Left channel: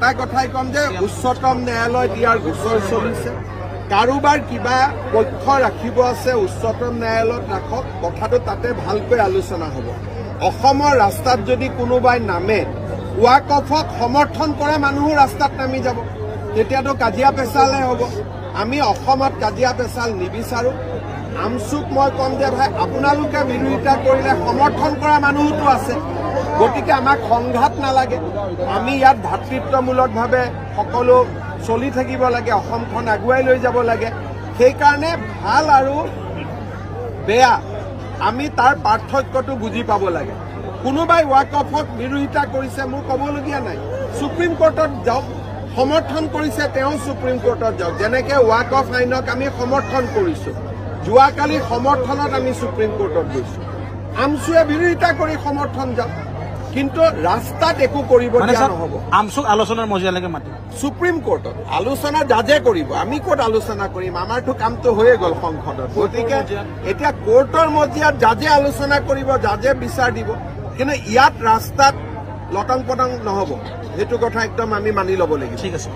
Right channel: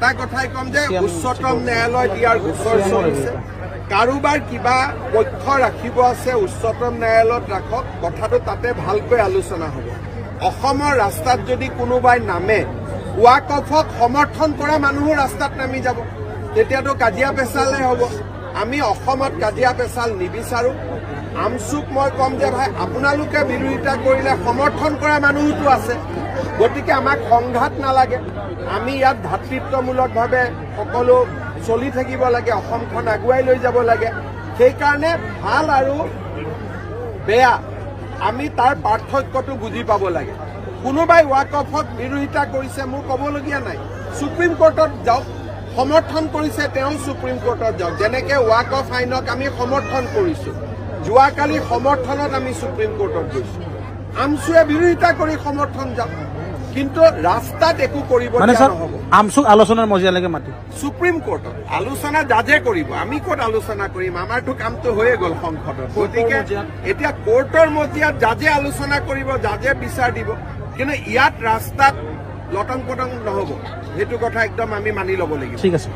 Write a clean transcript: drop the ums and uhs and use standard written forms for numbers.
এটা কথাই কম যে উচ্চতম ন্যায়ালয়ত ইয়াৰ গোচৰ চলিছে কাৰোবাৰ কিবা পক্ষ ৰাখিব আছে উচ্চতম ন্যায়ালয়ত ৰাখক কথাটো তাতে ভালকৈ আলোচনা হ'ব অসমৰ ৰাস্তাত যদি কোনোবাই নামে ওয়াকফক সমৰ্থন কৰা মানুহো ৰাস্তাত নামি যাব তেতিয়াতো কাজিয়া পেচালে হ'ব আমি অসমত কাজিয়া পেচাল নিবিচাৰো আমসুক মই কম যে ভাই আপোনালোকে বিৰোধিতা কৰিলে সমৰ্থন কৰা মানুহটো আছে গতিকে আমাক সংঘাত নালাগে আমি ইয়াত ভাতৃত্বমূলকভাৱে সকলো চলি থাকিব লাগে অসমখন আগুৱাই লৈ যাব লাগে সেইকাৰণে ভাল আৰু বেয়া আমি তাৰ পাৰ্থক্যটো বুজি পাব লাগে কোনোবাই ওয়াকফক বিৰোধিতা কৰিছে মোক ক'বলগীয়া নাই সুপ্ৰিম কোৰ্টত যাওক সমৰ্থন কৰিছে তেওঁ সুপ্ৰিম কোৰ্টত যাওক যেনেকে ওয়াকফ আইনক আমি সমৰ্থন কৰিছো যোৱাকালি সমৰ্থনত আমি সুপ্ৰিম কোৰ্টত গৈছো আমসুৱে বিৰোধিতা কৰি সমৰ্থন যাওক কিন্তু ৰাস্তাত একো কৰিব দিয়া নহ'ব আমসুক আলোচনাৰ মজিয়ালৈকে মাতি সুপ্ৰিম কোৰ্টত আলোচনা জাজে কৰিব আমি ক'ত আলোচনা কৰিম আমাৰতো কামটো হৈয়ে গ'ল সংসদত গতিকে এতিয়া কোৰ্টৰ মজিয়াত জাজে আলোচনা কৰিব জাজে বিচাৰ দিব কিন্তু ইয়াত ৰাস্তাত লটং পটং নহ'ব সেইটো কথা একদম আমি মানি ল'ব লাগিব ঠিক আছে